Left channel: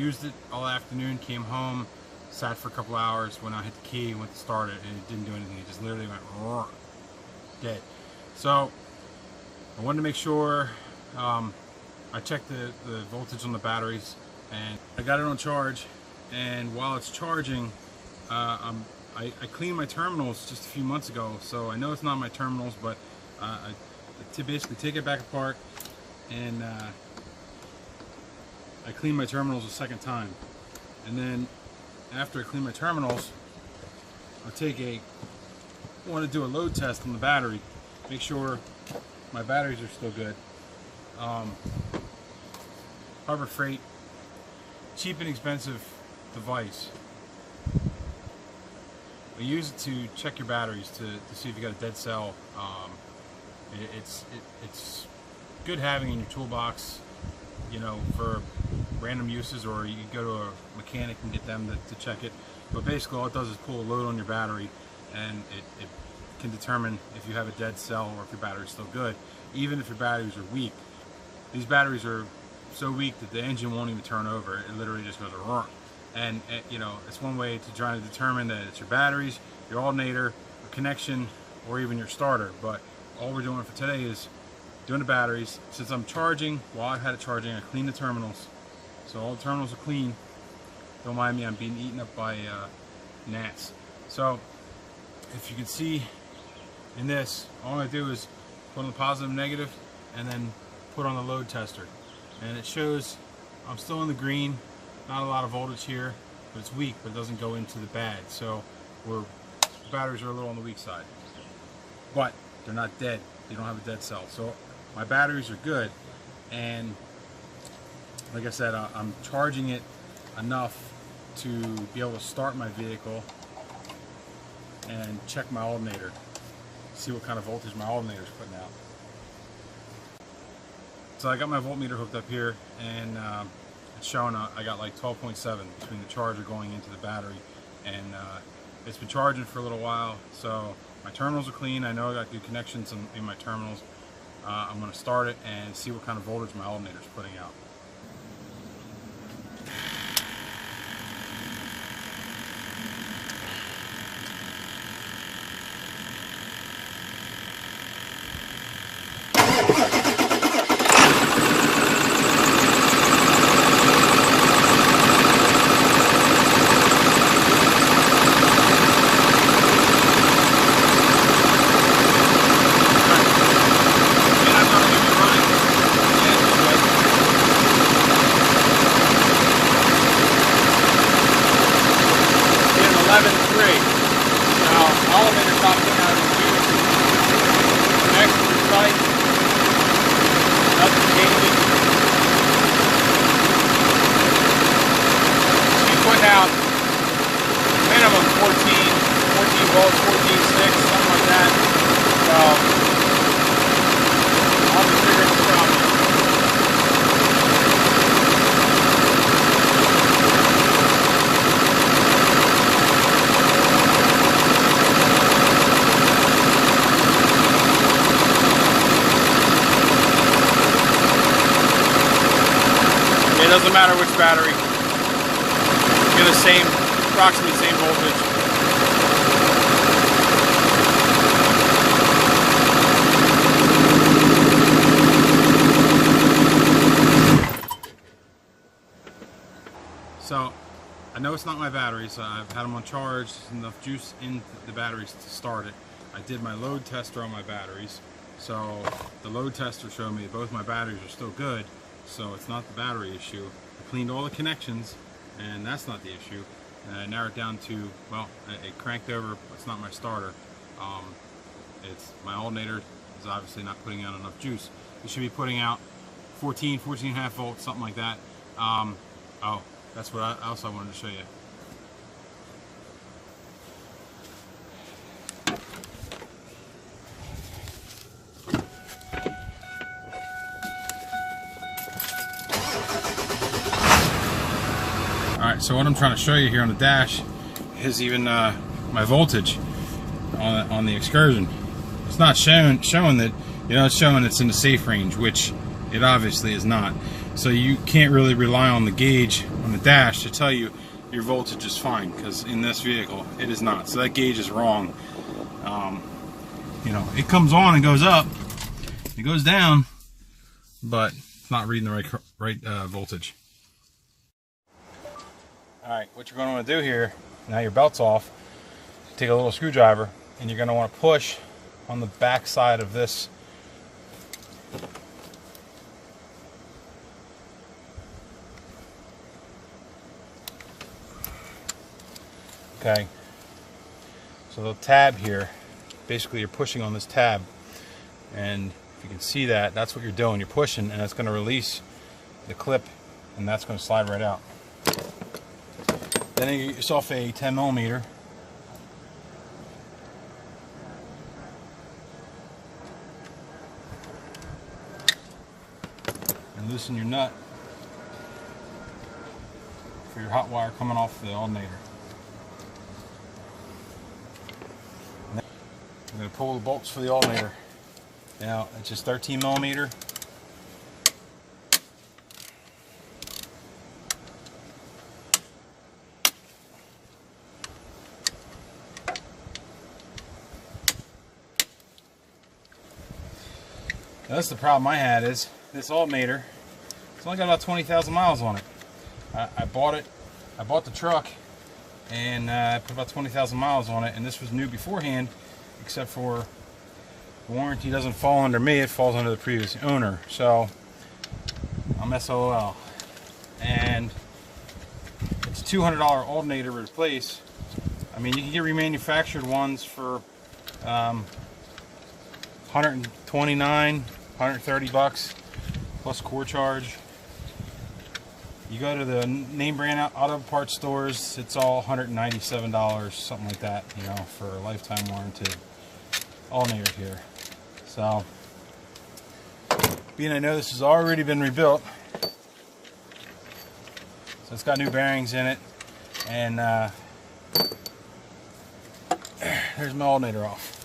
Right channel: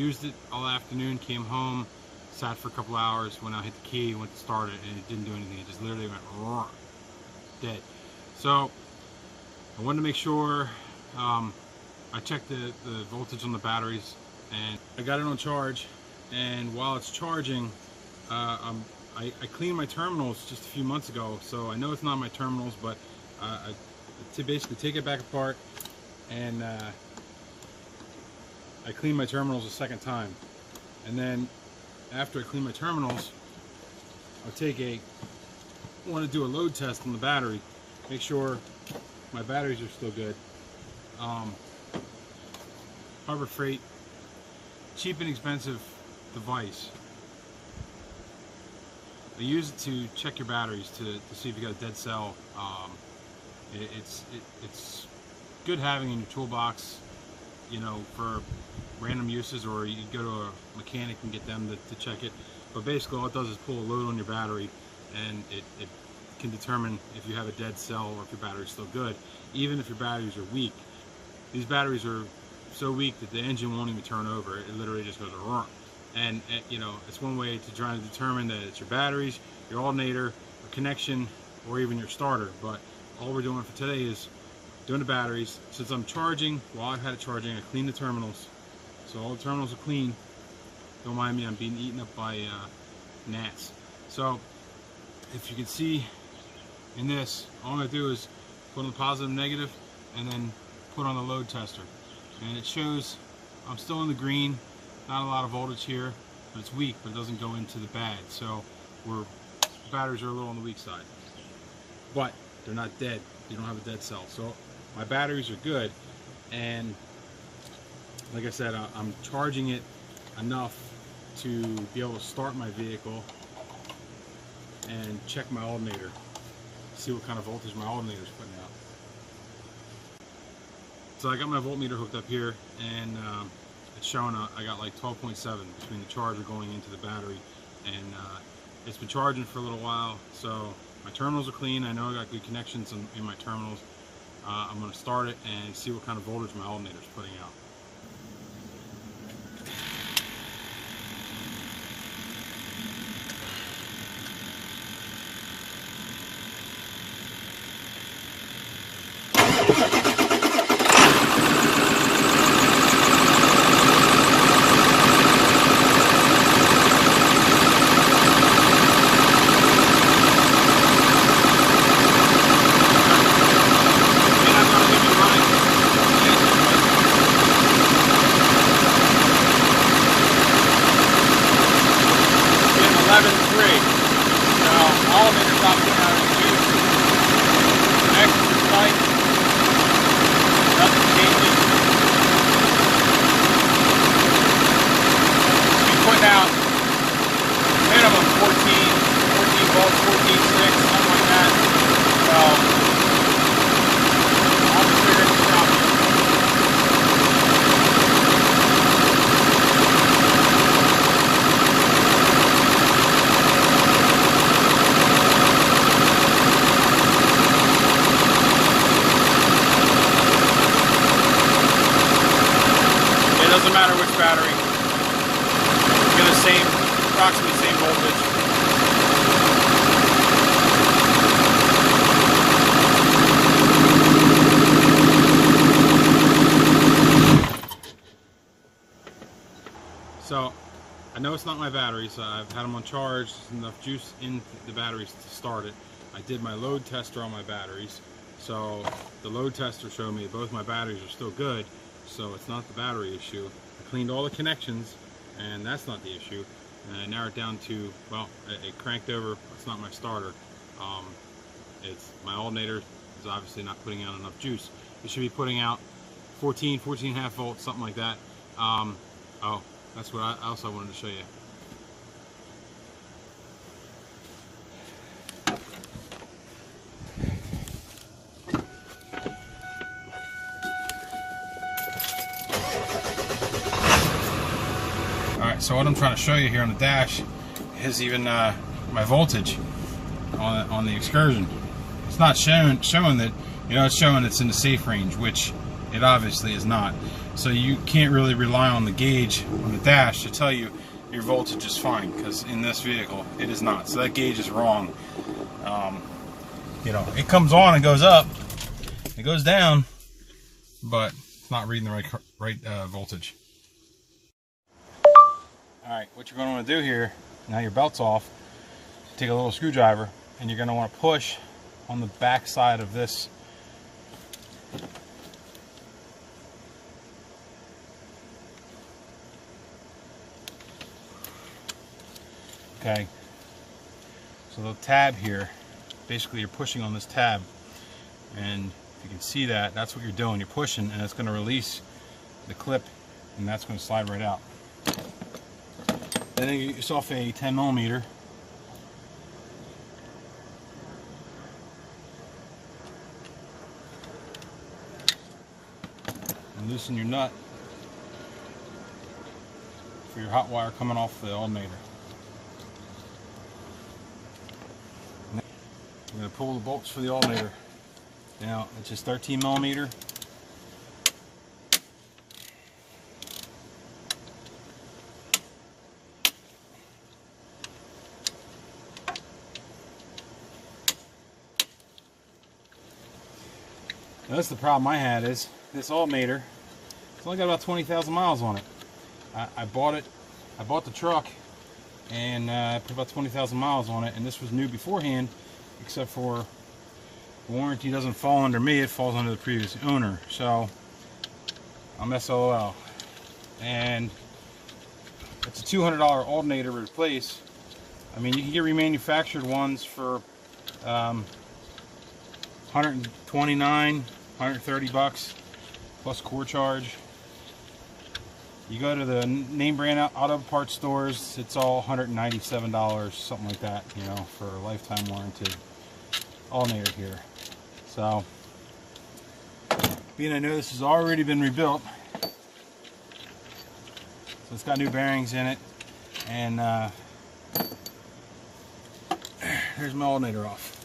used it all afternoon, came home, sat for a couple hours. When I hit the key, went to start it, and it didn't do anything. It just literally went roar, dead. So I wanted to make sure I checked the voltage on the batteries, and I got it on charge. And while it's charging, I cleaned my terminals just a few months ago, so I know it's not my terminals, but to basically take it back apart, and I cleaned my terminals a second time. And then after I clean my terminals, I want to do a load test on the battery, make sure my batteries are still good. Harbor Freight, cheap and expensive device. I use it to check your batteries to see if you got a dead cell. It's good having in your toolbox, you know, for random uses, or you can go to a mechanic and get them to check it. But basically all it does is pull a load on your battery, and it can determine if you have a dead cell or if your battery's still good, even if your batteries are weak. These batteries are so weak that the engine won't even turn over. It literally just goes run. And you know, it's one way to try to determine that it's your batteries, your alternator, a connection, or even your starter. But all we're doing for today is doing the batteries. Since I'm charging, while I've had it charging, I cleaned the terminals. So all the terminals are clean. Don't mind me, I'm being eaten up by gnats. So if you can see in this, all I'm going to do is put on the positive and negative, and then put on the load tester. And it shows I'm still in the green, not a lot of voltage here, but it's weak, but it doesn't go into the bad. So the batteries are a little on the weak side. But they're not dead. You don't have a dead cell. So my batteries are good, and like I said, I'm charging it enough to be able to start my vehicle and check my alternator, see what kind of voltage my alternator is putting out. So I got my voltmeter hooked up here, and it's showing I got like 12.7 between the charger going into the battery, and it's been charging for a little while. So my terminals are clean. I know I got good connections in my terminals. I'm going to start it and see what kind of voltage my alternator is putting out. Doesn't matter which battery, get the approximately same voltage. So I know it's not my batteries. I've had them on charge. There's enough juice in the batteries to start it. I did my load tester on my batteries. So the load tester showed me that both my batteries are still good. So it's not the battery issue. I cleaned all the connections, and that's not the issue. And I narrowed it down to, well, it cranked over. It's not my starter. It's my alternator is obviously not putting out enough juice. It should be putting out 14.5 volts, something like that. Oh, that's what else I wanted to show you. So what I'm trying to show you here on the dash is even my voltage on the Excursion. It's not showing that, you know, it's showing it's in the safe range, which it obviously is not. So you can't really rely on the gauge on the dash to tell you your voltage is fine, because in this vehicle it is not. So that gauge is wrong. You know, it comes on and goes up, it goes down, but it's not reading the right voltage. Alright, what you're going to want to do here, now your belt's off, take a little screwdriver and you're going to want to push on the back side of this. Okay, so the tab here, basically you're pushing on this tab, and if you can see that, that's what you're doing. You're pushing and it's going to release the clip, and that's going to slide right out. Then you get yourself a 10 millimeter. And loosen your nut for your hot wire coming off the alternator. I'm going to pull the bolts for the alternator. Now it's just 13 millimeter. Now, that's the problem I had, is this alternator, it's only got about 20,000 miles on it. I bought the truck, and I put about 20,000 miles on it, and this was new beforehand, except for the warranty doesn't fall under me, it falls under the previous owner. So I'm SOL, and it's a $200 alternator to replace. I mean, you can get remanufactured ones for 129, 130 bucks plus core charge. You go to the name brand auto parts stores, it's all $197, something like that, you know, for a lifetime warranty. Alternator here. So, being I know this has already been rebuilt, so it's got new bearings in it, and here's my alternator off.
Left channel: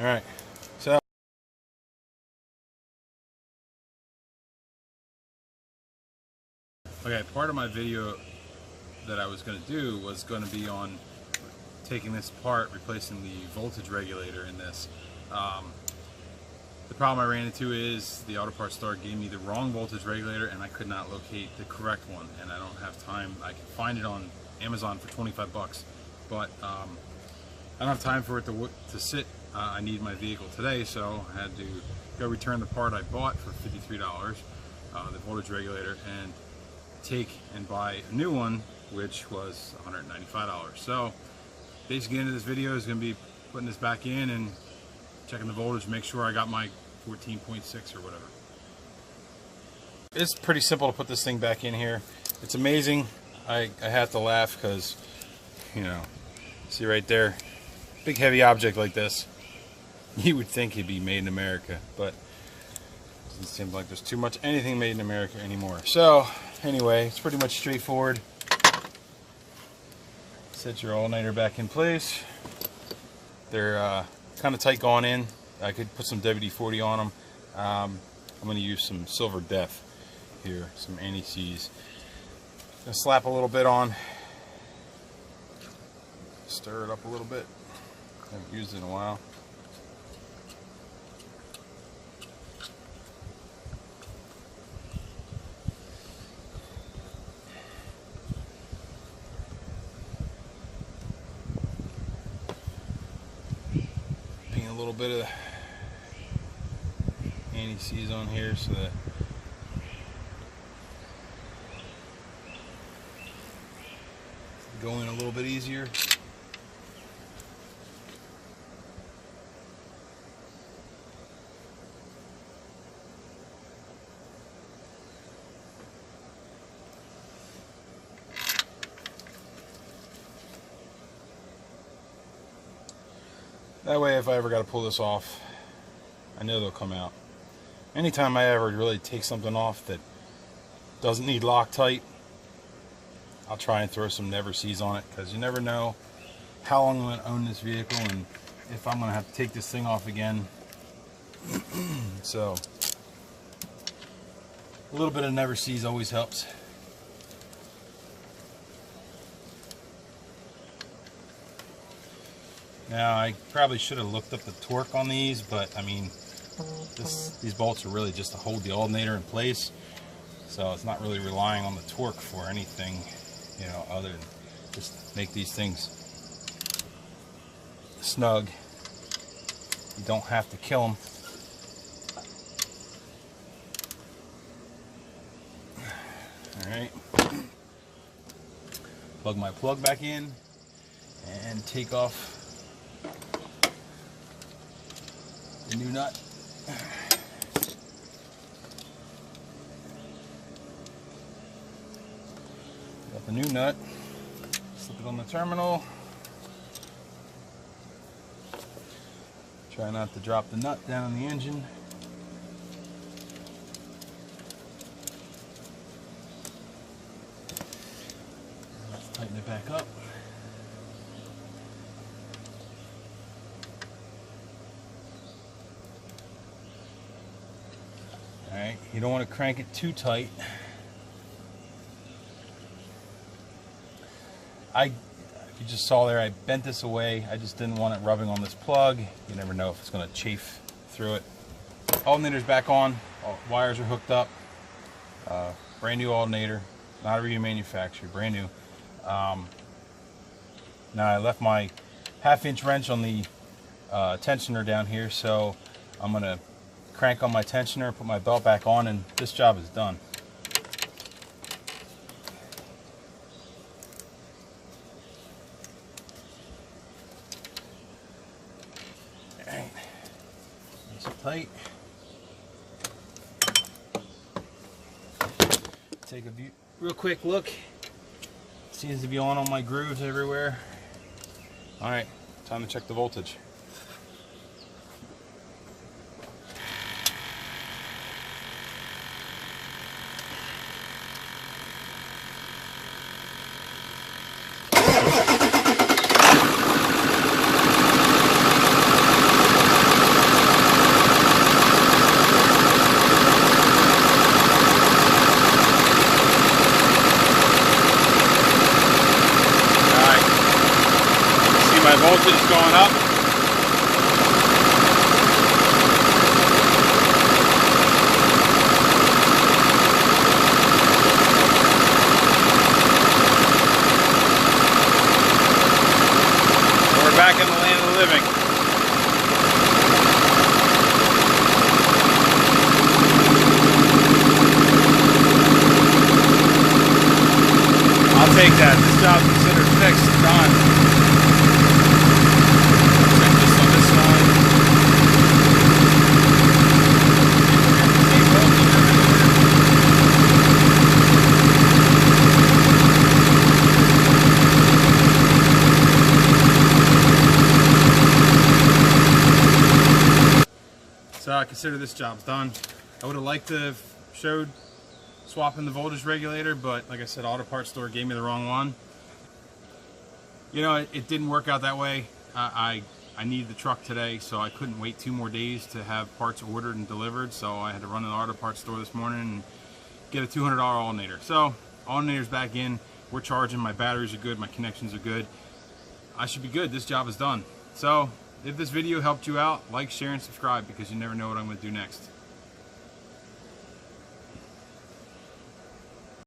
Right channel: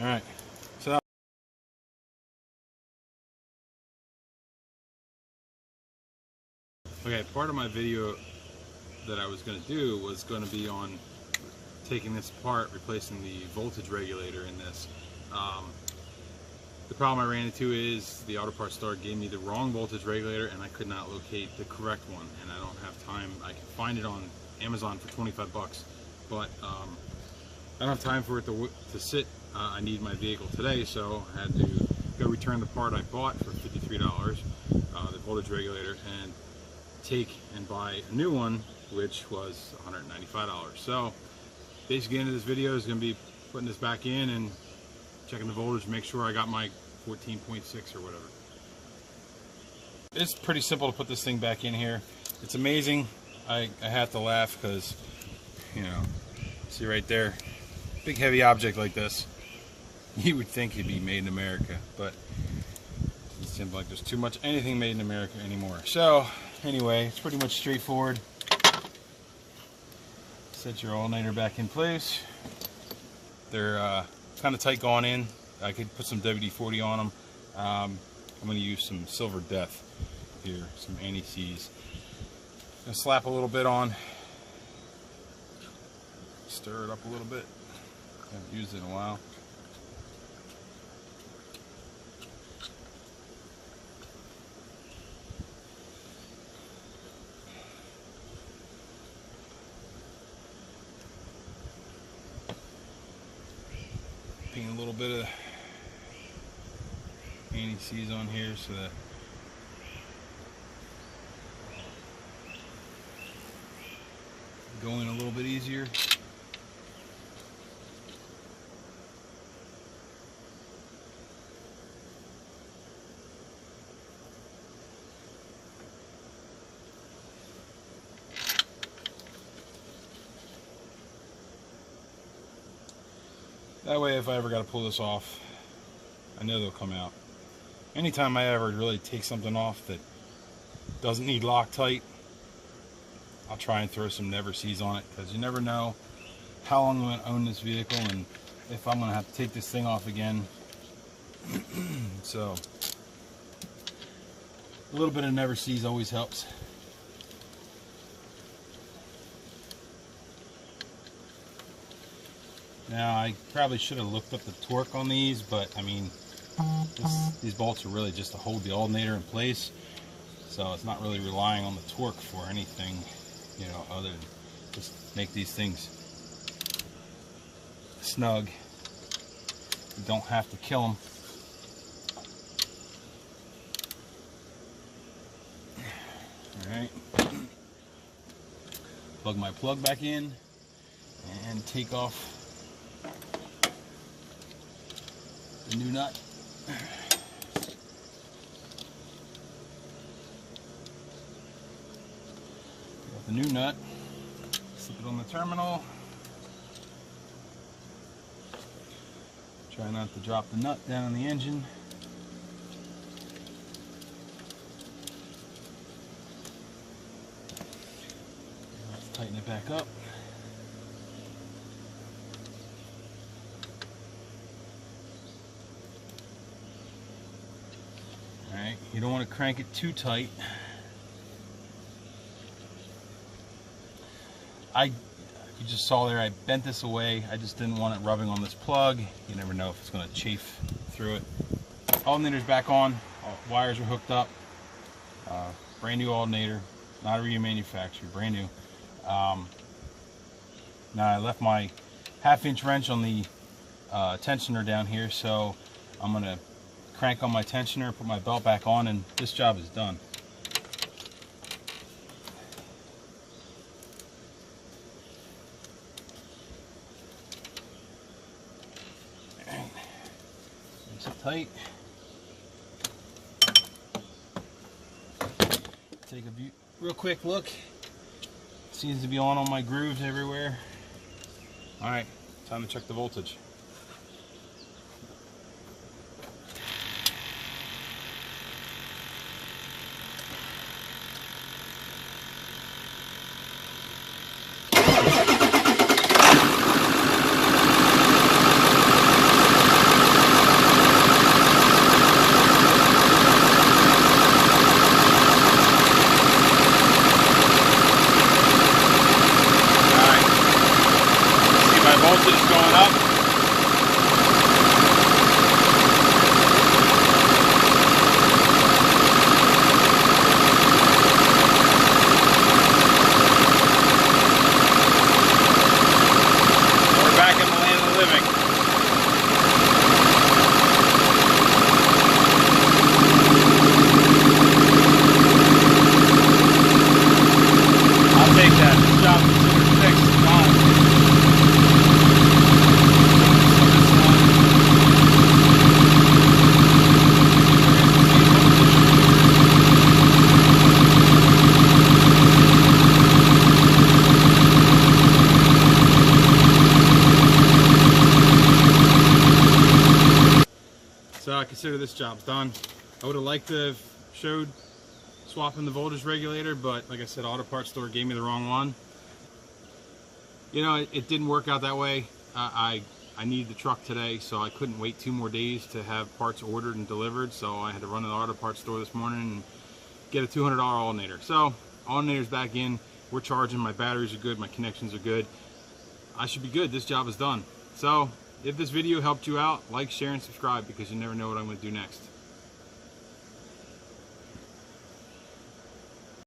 Alright, so okay, part of my video that I was going to do was going to be on taking this apart, replacing the voltage regulator in this. The problem I ran into is the auto parts store gave me the wrong voltage regulator, and I could not locate the correct one, and I don't have time. I can find it on Amazon for 25 bucks, but I don't have time for it to sit. I need my vehicle today, so I had to go return the part I bought for $53, the voltage regulator, and take and buy a new one, which was $195. So basically the end of this video is going to be putting this back in and checking the voltage, make sure I got my 14.6 or whatever. It's pretty simple to put this thing back in here. It's amazing. I have to laugh because, you know, see right there, big heavy object like this, you would think it'd be made in America, but it seems like there's too much anything made in America anymore. So anyway, it's pretty much straightforward. Set your alternator back in place. They're kind of tight going in. I could put some WD-40 on them. I'm going to use some Silver Death here, some anti-seize. Gonna slap a little bit on. Stir it up a little bit. Haven't used it in a while. Paint a little bit of anti-seize on here so that it's going a little bit easier. That way, if I ever got to pull this off, I know they'll come out. Anytime I ever really take something off that doesn't need Loctite, I'll try and throw some Never Seize on it, because you never know how long I'm going to own this vehicle and if I'm going to have to take this thing off again. So, A little bit of never sees always helps. Now, I probably should have looked up the torque on these, but I mean, these bolts are really just to hold the alternator in place, so it's not really relying on the torque for anything, you know, other than just make these things snug. You don't have to kill them. Alright, plug my plug back in and take off the new nut. Got the new nut, slip it on the terminal. Try not to drop the nut down on the engine. Let's tighten it back up. Alright, you don't want to crank it too tight. You just saw there, I bent this away. I just didn't want it rubbing on this plug. You never know if it's going to chafe through it. Alternator's back on. All wires are hooked up. Brand new alternator, not remanufactured, brand new. Now I left my 1/2 inch wrench on the tensioner down here, so I'm going to crank on my tensioner, put my belt back on, and this job is done. Nice and tight. Take a real quick look. Seems to be on all my grooves everywhere. Alright, time to check the voltage. So I consider this job's done. I would have liked to have showed swapping the voltage regulator, but like I said, auto parts store gave me the wrong one. You know, it didn't work out that way. I needed the truck today, so I couldn't wait 2 more days to have parts ordered and delivered, so I had to run to the auto parts store this morning and get a $200 alternator. So alternator's back in, we're charging, my batteries are good, my connections are good. I should be good, this job is done. So if this video helped you out, like, share, and subscribe, because you never know what I'm going to do next.